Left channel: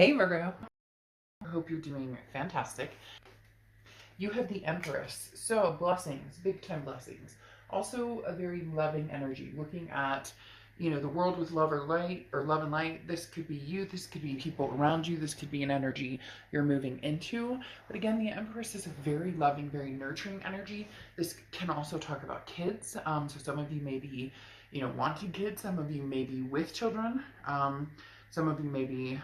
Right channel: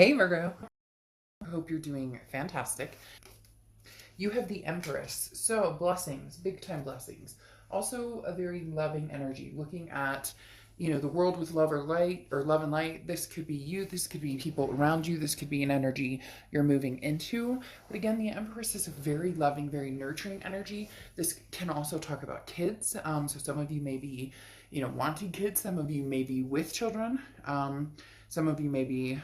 Hey Virgo, I hope you're doing fantastic. You have the Empress, so blessings, big time blessings. Also a very loving energy, looking at, the world with love or light or love and light. This could be you, this could be people around you, this could be an energy you're moving into. But again, the Empress is a very loving, very nurturing energy. This can also talk about kids. So some of you may be, wanting kids, some of you may be with children. Some of you may be,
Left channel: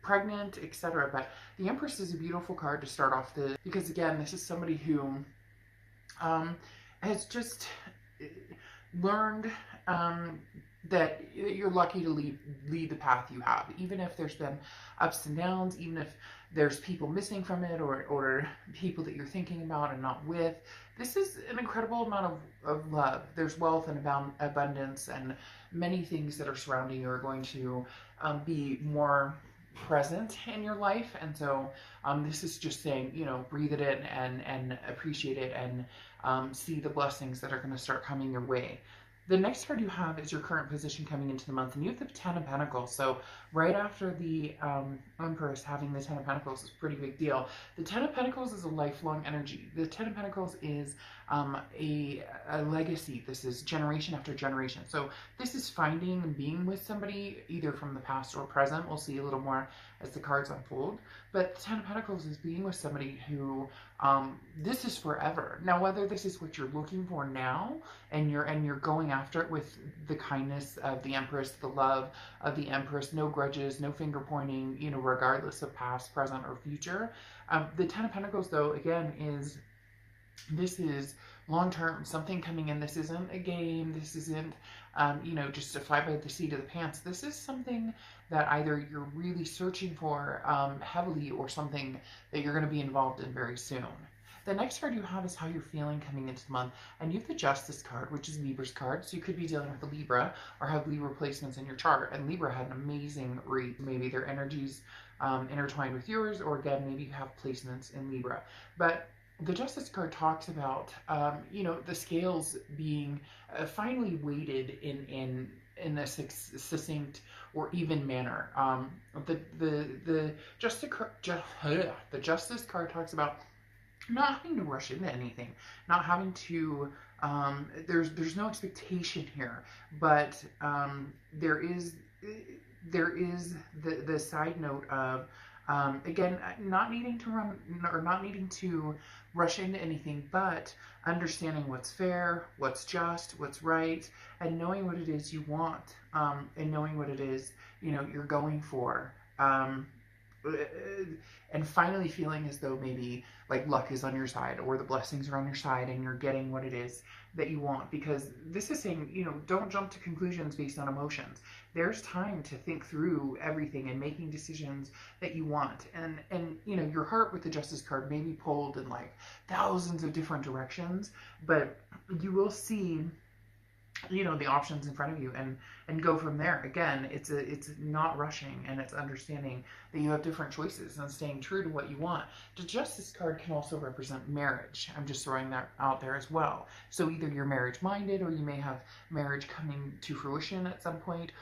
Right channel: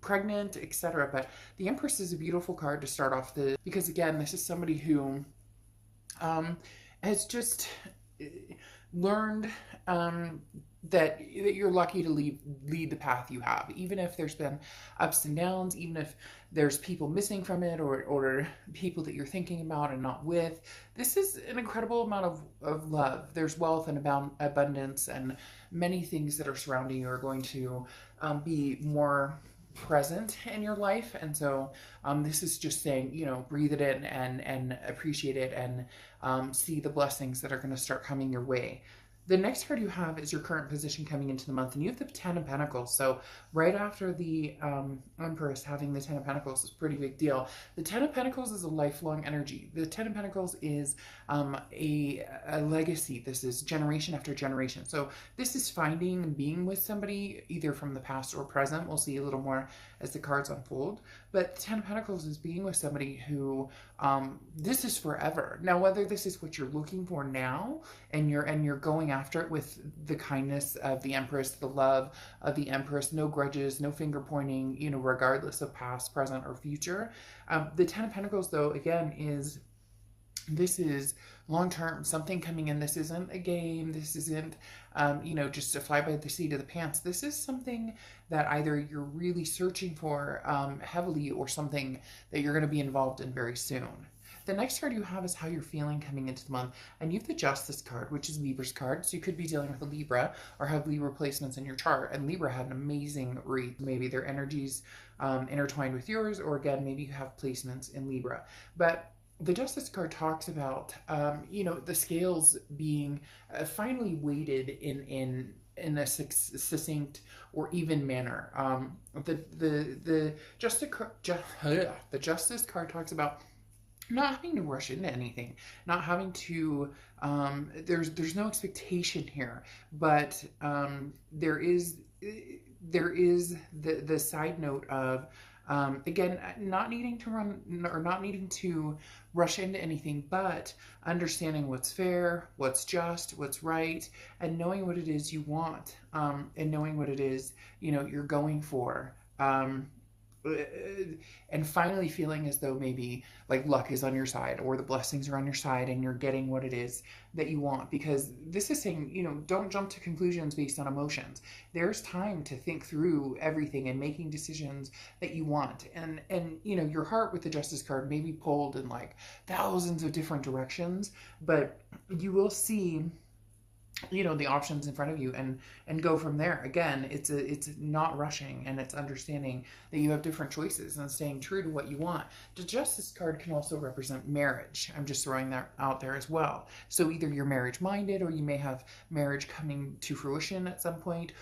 pregnant, etc. But the Empress is a beautiful card to start off because again, this is somebody who has just learned that you're lucky to lead the path you have, even if there's been ups and downs, even if there's people missing from it, or people that you're thinking about and not with. This is an incredible amount of love. There's wealth and abundance, and many things that are surrounding you are going to be more present in your life. And so this is just saying, breathe it in and appreciate it, and see the blessings that are going to start coming your way. The next card you have is your current position coming into the month, and you have the Ten of Pentacles. So right after the Empress, having the Ten of Pentacles is a pretty big deal. The Ten of Pentacles is a lifelong energy. The Ten of Pentacles is a legacy. This is generation after generation. So this is finding and being with somebody either from the past or present. We'll see a little more as the cards unfold. But the Ten of Pentacles is being with somebody who this is forever. Now, whether this is what you're looking for now, and you're going after it with the kindness of the Empress, the love of the Empress, no grudges, no finger pointing, regardless of past, present, or future. The Ten of Pentacles, though, again, this is long term, something coming in. This isn't a game. This isn't, just to fly by the seat of the pants. This is something that either you're really searching for heavily, or something that you're going to be involved in very soon. The next card you have is how you're feeling coming into the month. And you have the Justice card, which is Libra's card. So you could be dealing with a Libra or have Libra placements in your chart. And Libra had an amazing read. Maybe their energies intertwined with yours, or again, maybe you have placements in Libra. But the Justice card talks about, the scales being finally weighted in a succinct or even manner. The Justice card talks about not having to rush into anything, not having to, there's no expectation here, but there is the side note of, again, not needing to run or not needing to rush into anything, but understanding what's fair, what's just, what's right, and knowing what it is you want, and knowing what it is, you're going for. And finally feeling as though maybe like luck is on your side, or the blessings are on your side, and you're getting what it is that you want. Because this is saying, don't jump to conclusions based on emotions. There's time to think through everything and making decisions that you want. And your heart with the Justice card may be pulled in like thousands of different directions, but you will see the options in front of you, and go from there. Again, it's not rushing, and it's understanding that you have different choices and staying true to what you want. The Justice card can also represent marriage. I'm just throwing that out there as well. So either you're marriage minded, or you may have marriage coming to fruition at some point,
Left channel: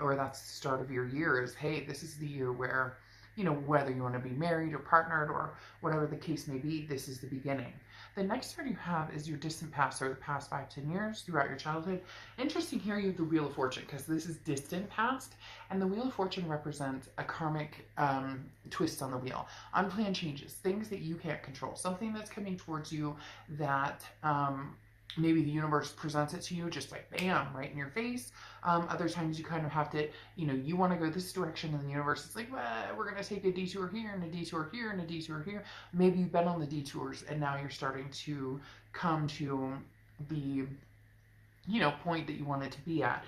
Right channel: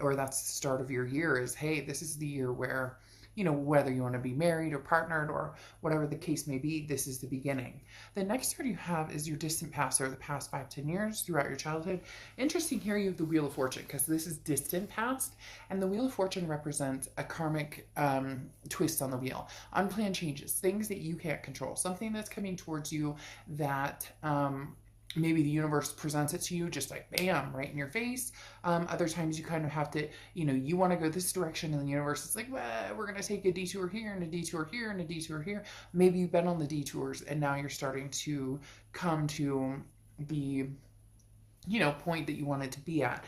or that's the start of your year, is, hey, this is the year where, whether you want to be married or partnered or whatever the case may be, this is the beginning. The next card you have is your distant past, or the past 5-10 years throughout your childhood. Interesting here, you have the Wheel of Fortune, because this is distant past, and the Wheel of Fortune represents a karmic twist on the wheel, unplanned changes, things that you can't control, something that's coming towards you that maybe the universe presents it to you just like bam, right in your face. Other times you kind of have to, you want to go this direction, and the universe is like, well, we're going to take a detour here and a detour here and a detour here. Maybe you've been on the detours, and now you're starting to come to the, point that you wanted to be at.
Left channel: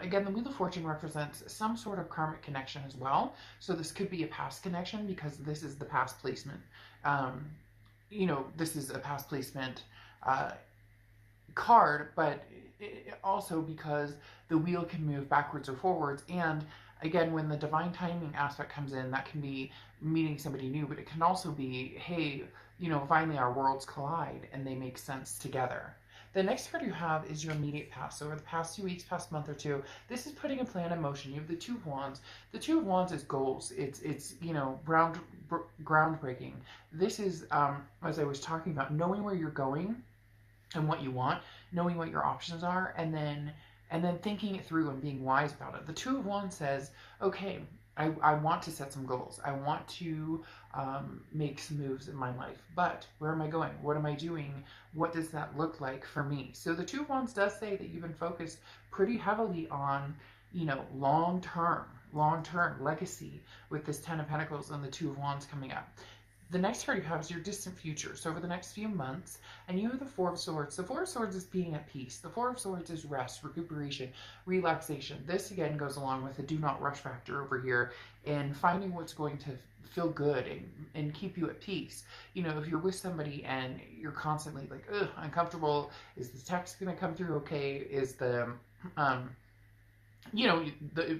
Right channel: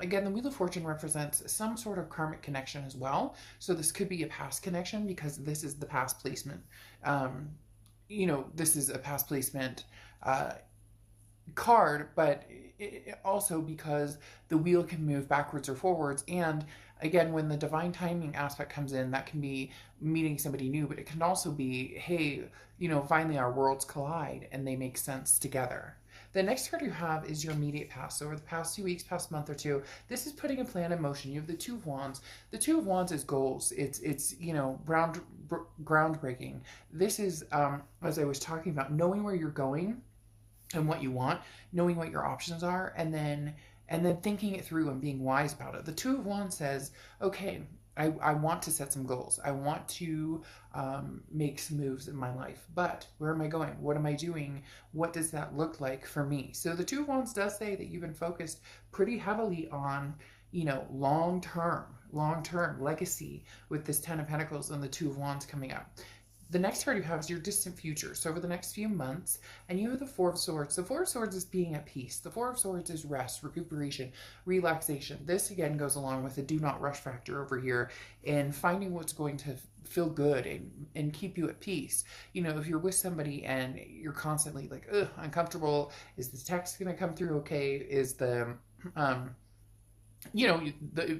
Again, the Wheel of Fortune represents some sort of karmic connection as well. So this could be a past connection, because this is the past placement. This is a past placement card, but also because the wheel can move backwards or forwards. And again, when the divine timing aspect comes in, that can be meeting somebody new, but it can also be, hey, finally our worlds collide and they make sense together. The next card you have is your immediate past. So over the past 2 weeks, past month or two, this is putting a plan in motion. You have the Two of Wands. The Two of Wands is goals. It's you know, groundbreaking. This is, as I was talking about, knowing where you're going and what you want, knowing what your options are, and then thinking it through and being wise about it. The Two of Wands says, okay, I want to set some goals. I want to make some moves in my life, but where am I going? What am I doing? What does that look like for me? So the Two of Wands does say that you've been focused pretty heavily on, you know, long-term legacy with this Ten of Pentacles and the Two of Wands coming up. The next card you have is your distant future. So over the next few months, and you have the Four of Swords. The Four of Swords is being at peace. The Four of Swords is rest, recuperation, relaxation. This again goes along with the do not rush factor over here and finding what's going to feel good and keep you at peace. You know, if you're with somebody and you're constantly like, ugh, uncomfortable, is this text going to come through okay? Is the, you know,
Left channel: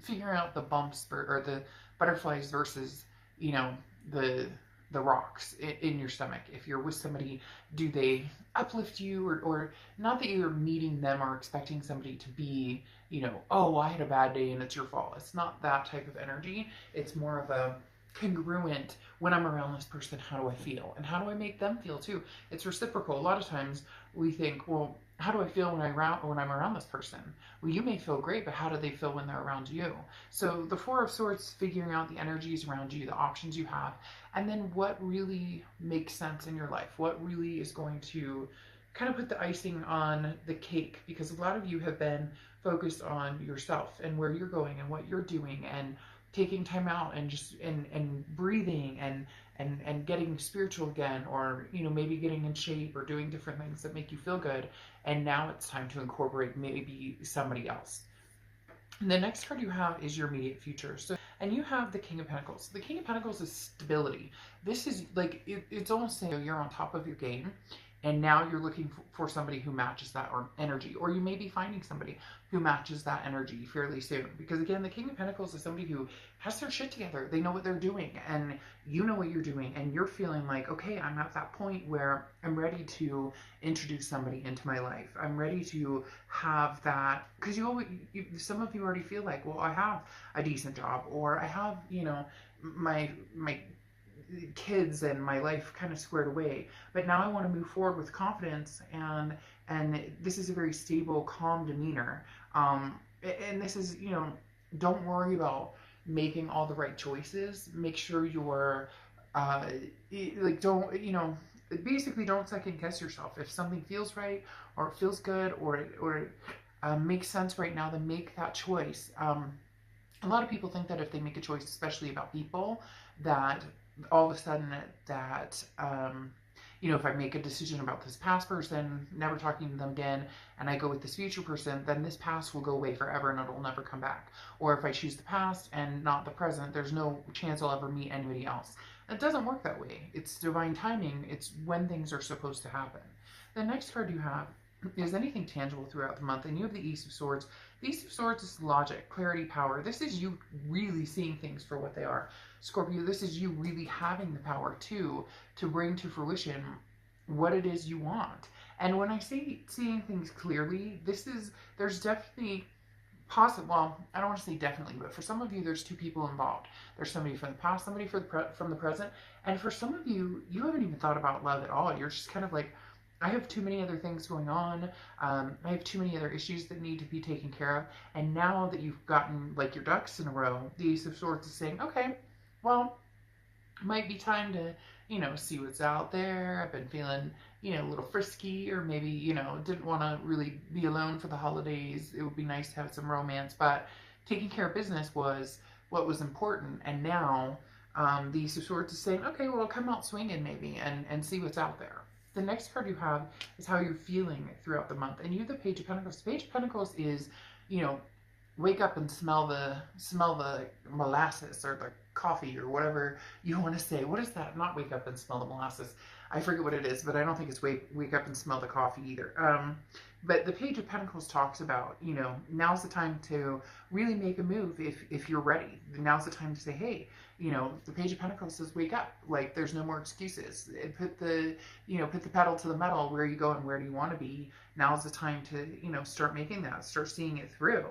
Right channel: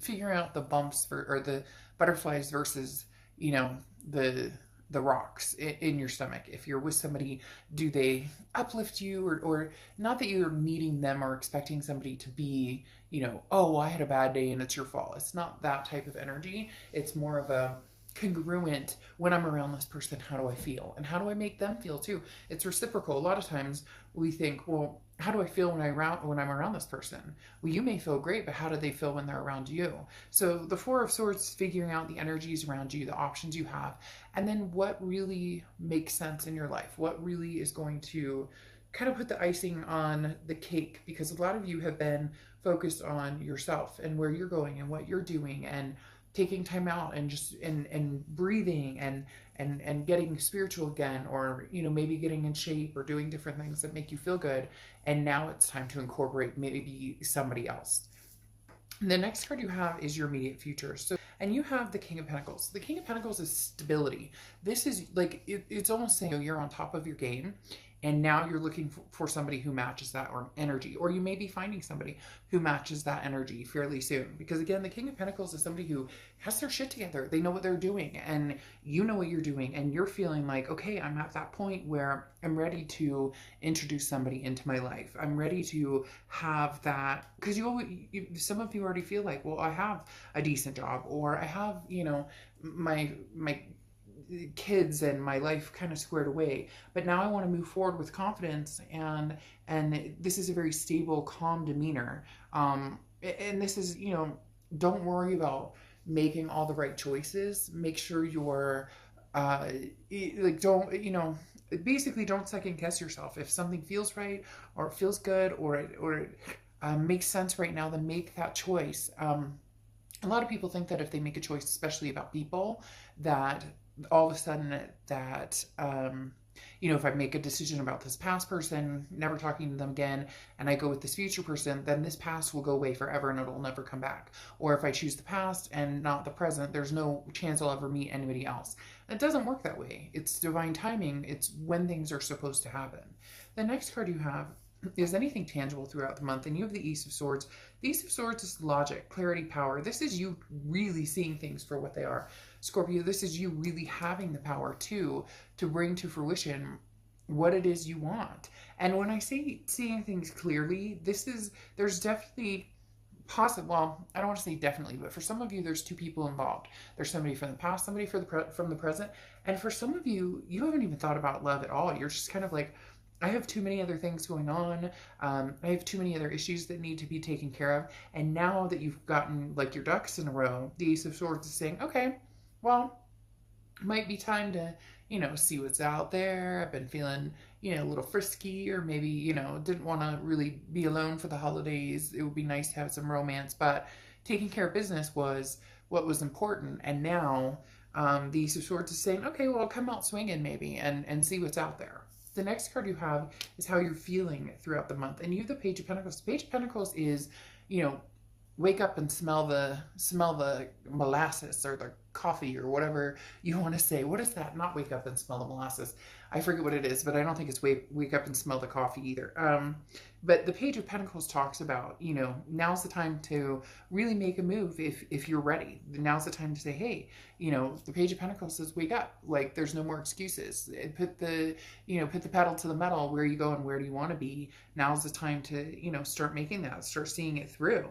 figuring out the bumps or the butterflies versus, you know, the rocks in your stomach. If you're with somebody, do they uplift you, or not that you're meeting them or expecting somebody to be, you know, oh, I had a bad day and it's your fault. It's not that type of energy. It's more of a congruent, when I'm around this person, how do I feel? And how do I make them feel too? It's reciprocal. A lot of times we think, well, how do I feel when I'm around this person? Well, you may feel great, but how do they feel when they're around you? So the Four of Swords, figuring out the energies around you, the options you have, and then what really makes sense in your life, what really is going to kind of put the icing on the cake, because a lot of you have been focused on yourself and where you're going and what you're doing and taking time out and just and breathing and getting spiritual again, or you know, maybe getting in shape or doing different things that make you feel good, and now it's time to incorporate maybe somebody else. And the next card you have is your immediate future. So, and you have the King of Pentacles. The King of Pentacles is stability. This is like, it's almost saying you're on top of your game, and now you're looking for somebody who matches that or energy, or you may be finding somebody who matches that energy fairly soon. Because again, the King of Pentacles is somebody who has their shit together. They know what they're doing, and you know what you're doing, and you're feeling like, okay, I'm at that point where I'm ready to introduce somebody into my life. I'm ready to have that, because some of you already feel like, well, I have a decent job, or I have, you know, my kids and my life kind of squared away, but now I want to move forward with confidence, and this is a very stable, calm demeanor, and this is, you know, don't worry about making all the right choices. Make sure you're like, don't, you know, basically don't second guess yourself. If something feels right or feels good or makes sense right now, then make that choice. A lot of people think that if they make a choice, especially about people, that all of a sudden that, you know, if I make a decision about this past person, never talking to them again, and I go with this future person, then this past will go away forever and it'll never come back. Or if I choose the past and not the present, there's no chance I'll ever meet anybody else. It doesn't work that way. It's divine timing. It's when things are supposed to happen. The next card you have is anything tangible throughout the month, and you have the Ace of Swords. The Ace of Swords is logic, clarity, power. This is you really seeing things for what they are. Scorpio, this is you really having the power to bring to fruition what it is you want. And when I say seeing things clearly, there's definitely well, I don't want to say definitely, but for some of you, there's two people involved. There's somebody from the past, somebody from the present, and for some of you, you haven't even thought about love at all. You're just kind of like, I have too many other things going on. I have too many other issues that need to be taken care of. And now that you've gotten like your ducks in a row, the Ace of Swords is saying, okay, well, it might be time to, you know, see what's out there. I've been feeling, you know, a little frisky, or maybe, you know, didn't want to really be alone for the holidays. It would be nice to have some romance, but taking care of business was what was important. And now the Ace of Swords is saying, okay, well, come out swinging maybe and see what's out there. The next card you have is how you're feeling throughout the month. And you have the Page of Pentacles. The Page of Pentacles is, you know, wake up and smell the molasses or the coffee or whatever you want to say. What is that? Not wake up and smell the molasses. I forget what it is, but I don't think it's wake up and smell the coffee either. But the Page of Pentacles talks about, you know, now's the time to really make a move if you're ready. Now's the time to say, hey, you know, the Page of Pentacles says wake up. Like, there's no more excuses. Put the pedal to the metal. Where are you going? Where do you want to be? Now's the time to, you know, start making that, start seeing it through.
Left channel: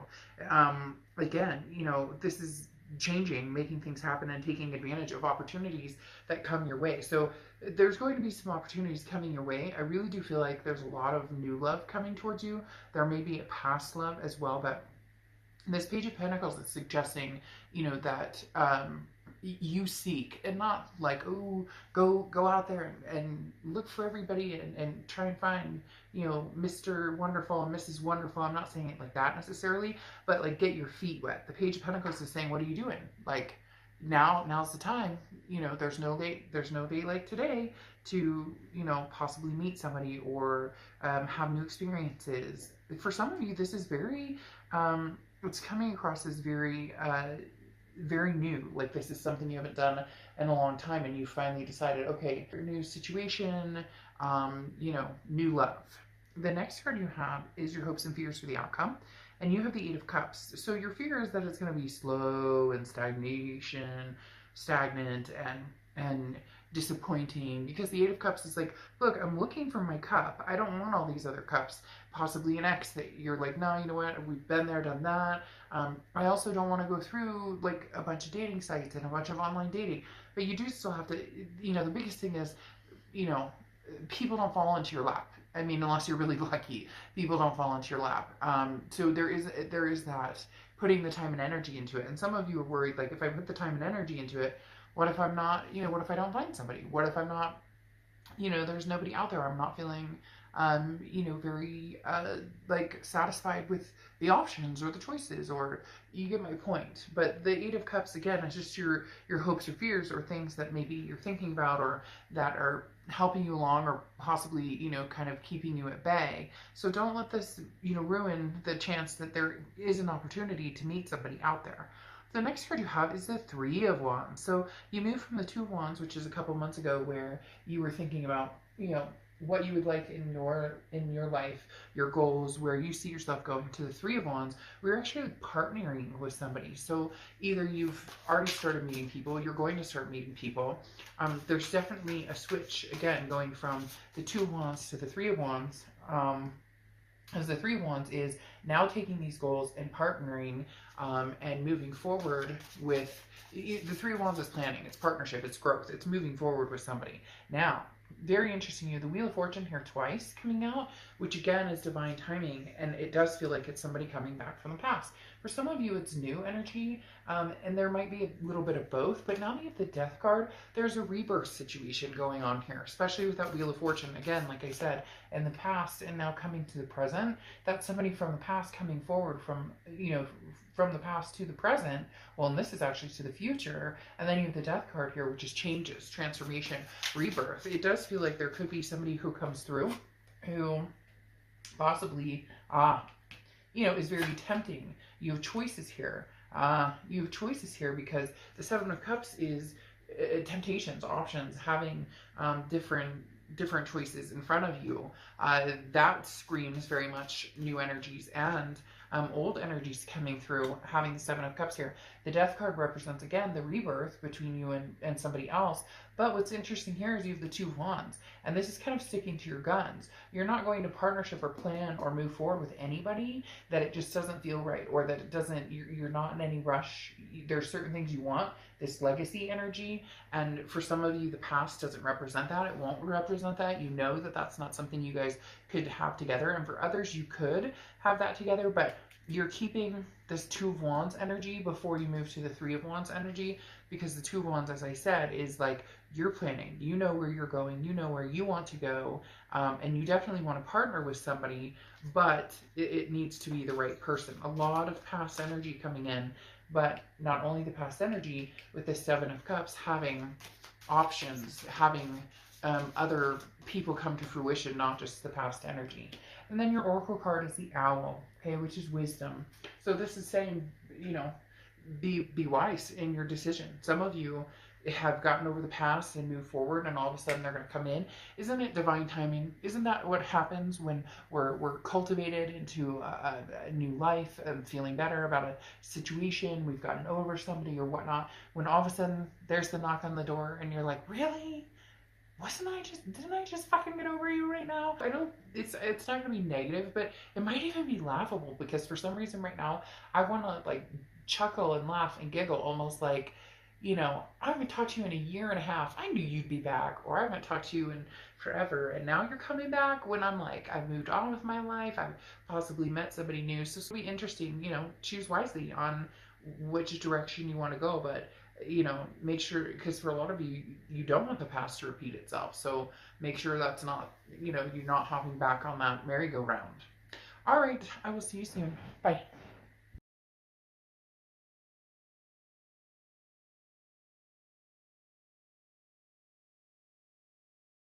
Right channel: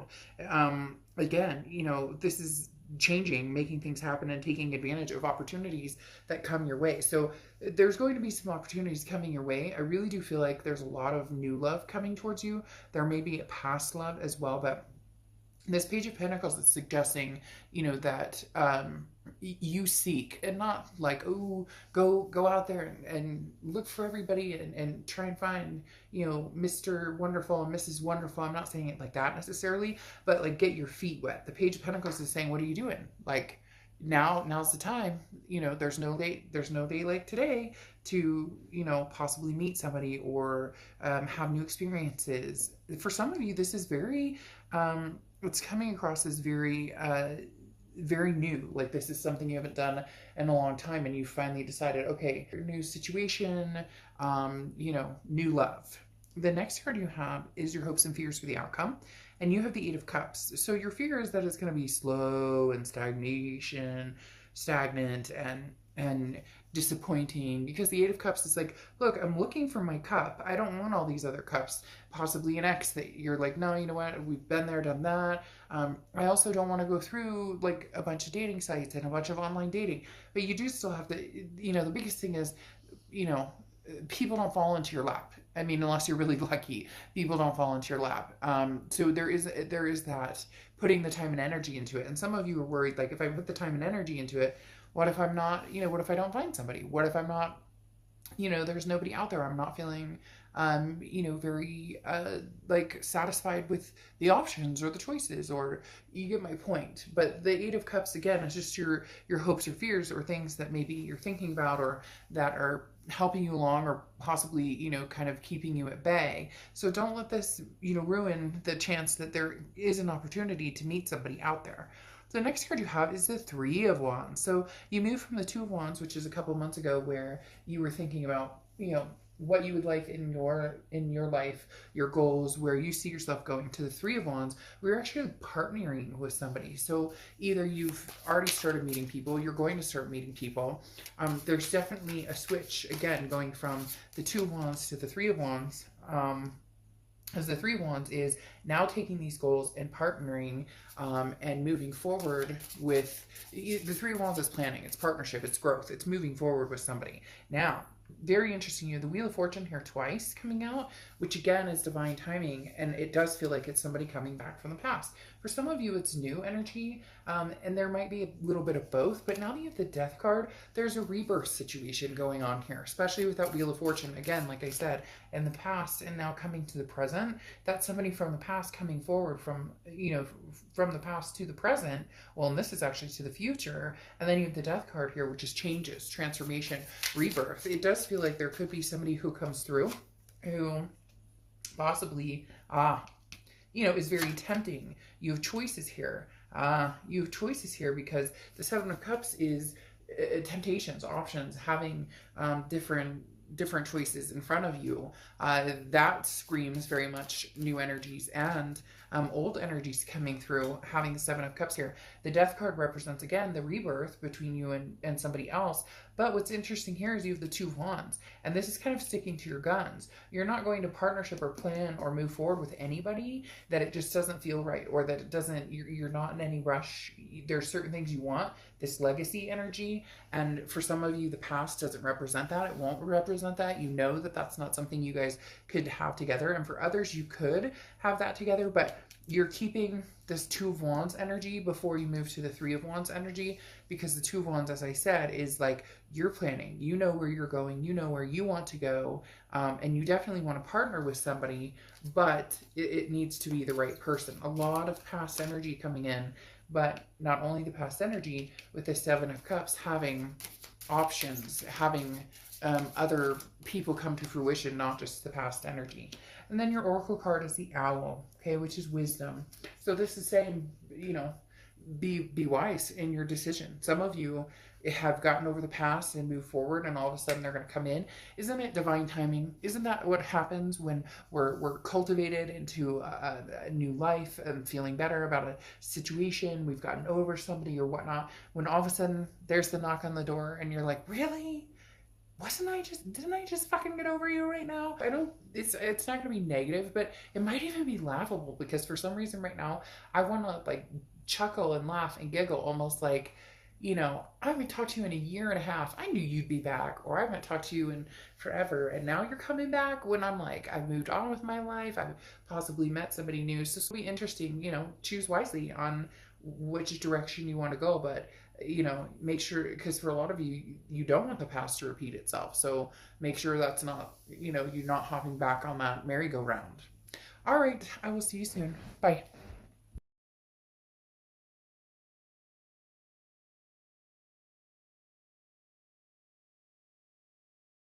Again, you know, this is changing, making things happen, and taking advantage of opportunities that come your way. So there's going to be some opportunities coming your way. I really do feel like there's a lot of new love coming towards you. There may be a past love as well, but this Page of Pentacles is suggesting, you know, that you seek, and not like, oh, go out there and look for everybody and try and find, you know, Mr. Wonderful and Mrs. Wonderful. I'm not saying it like that necessarily, but like, get your feet wet. The Page of Pentacles is saying, what are you doing? Like, now's the time. You know, there's no day like today to, you know, possibly meet somebody or have new experiences. For some of you, this is very it's coming across as very very new. Like, this is something you haven't done in a long time, and you finally decided, okay, new situation, you know, new love. The next card you have is your hopes and fears for the outcome, and you have the Eight of Cups. So your fear is that it's going to be slow and stagnant and disappointing, because the Eight of Cups is like, look, I'm looking for my cup. I don't want all these other cups. Possibly an ex that you're like, no, you know what, we've been there, done that. I also don't want to go through like a bunch of dating sites and a bunch of online dating, but you do still have to, you know, the biggest thing is, you know, people don't fall into your lap. I mean, unless you're really lucky, people don't fall into your lap. So there is that, putting the time and energy into it. And some of you are worried, like, if I put the time and energy into it, what if I'm not, you know, what if I don't find somebody? What if I'm not, you know, there's nobody out there. I'm not feeling, you know, very, like, satisfied with the options or the choices, or you get my point. But the Eight of Cups, again, is just your hopes or fears, or things that maybe you're thinking about, or that are helping you along, or possibly, you know, kind of keeping you at bay. So don't let this, you know, ruin the chance that there is an opportunity to meet somebody out there. The next card you have is the Three of Wands. So you moved from the Two of Wands, which is a couple months ago, where you were thinking about, you know, what you would like in your life, your goals, where you see yourself going, to the Three of Wands. We're actually partnering with somebody. So either you've already started meeting people, you're going to start meeting people. There's definitely a switch, again, going from the Two of Wands to the Three of Wands. As the Three of Wands is now taking these goals and partnering and moving forward with, the Three of Wands is planning, it's partnership, it's growth, it's moving forward with somebody. Now, very interesting, you have the Wheel of Fortune here twice coming out, which again is divine timing, and it does feel like it's somebody coming back from the past. For some of you, it's new energy, and there might be a little bit of both, but now that you have the Death card, there's a rebirth situation going on here, especially with that Wheel of Fortune. Again, like I said, in the past and now coming to the present, that's somebody from the past coming forward from, you know, from the past to the present. Well, and this is actually to the future. And then you have the Death card here, which is changes, transformation, rebirth. It does feel like there could be somebody who comes through who possibly, you know, is very tempting. You have choices here. You have choices here because the Seven of Cups is temptations, options, having different choices in front of you. That screams very much new energies and old energies coming through, having the Seven of Cups here. The Death card represents, again, the rebirth between you and somebody else. But what's interesting here is you have the Two of Wands, and this is kind of sticking to your guns. You're not going to partnership or plan or move forward with anybody that it just doesn't feel right, or that it doesn't, you're not in any rush. There's certain things you want, this legacy energy, and for some of you, the past doesn't represent that. It won't represent that. You know that that's not something you guys could have together, and for others, you could have that together, but you're keeping this Two of Wands energy before you move to the Three of Wands energy, because the Two of Wands, as I said, is like, you're planning, you know where you're going, you know where you want to go, and you definitely want to partner with somebody, but it needs to be the right person. A lot of past energy coming in, but not only the past energy, with the Seven of Cups, having options, having other people come to fruition, not just the past energy. And then your Oracle card is the Owl, okay, which is wisdom. So this is saying, you know, be wise in your decision. Some of you have gotten over the past and moved forward, and all of a sudden they're going to come in. Isn't it divine timing? Isn't that what happens when we're cultivated into a new life and feeling better about a situation? We've gotten over somebody or whatnot. When all of a sudden there's the knock on the door, and you're like, really? Didn't I just fucking get over you right now? I don't, it's not gonna be negative, but it might even be laughable, because for some reason right now, I wanna like chuckle and laugh and giggle, almost like, you know, I haven't talked to you in a year and a half. I knew you'd be back, or I haven't talked to you in forever, and now you're coming back, when I'm like, I've moved on with my life, I've possibly met somebody new. So it's gonna be interesting, you know, choose wisely on which direction you want to go, but you know, make sure, because for a lot of you, you don't want the past to repeat itself. So make sure that's not, you know, you're not hopping back on that merry-go-round. All right, I will see you soon. Bye.